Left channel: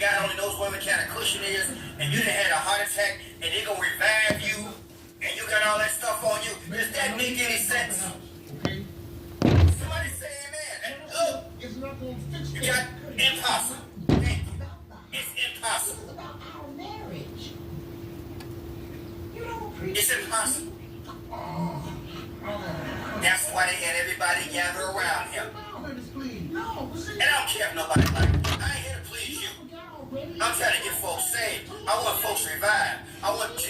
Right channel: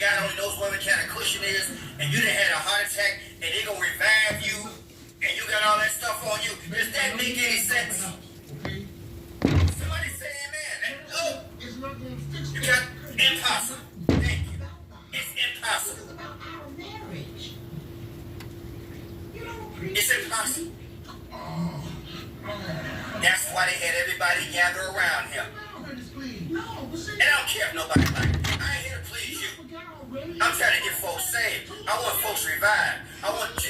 God only knows what kind of cushion is, and you done had a heart attack, and they gonna revive you, and you got all that stuff on you. Does that make any sense? Somebody say amen. Look, you got impossible. Thank you. It's impossible. It's impossible. That's why they had everybody gather around him. And I don't care if nobody like me. I ain't here to please you. I'm trying to get folks saved. I want folks revived. I want you.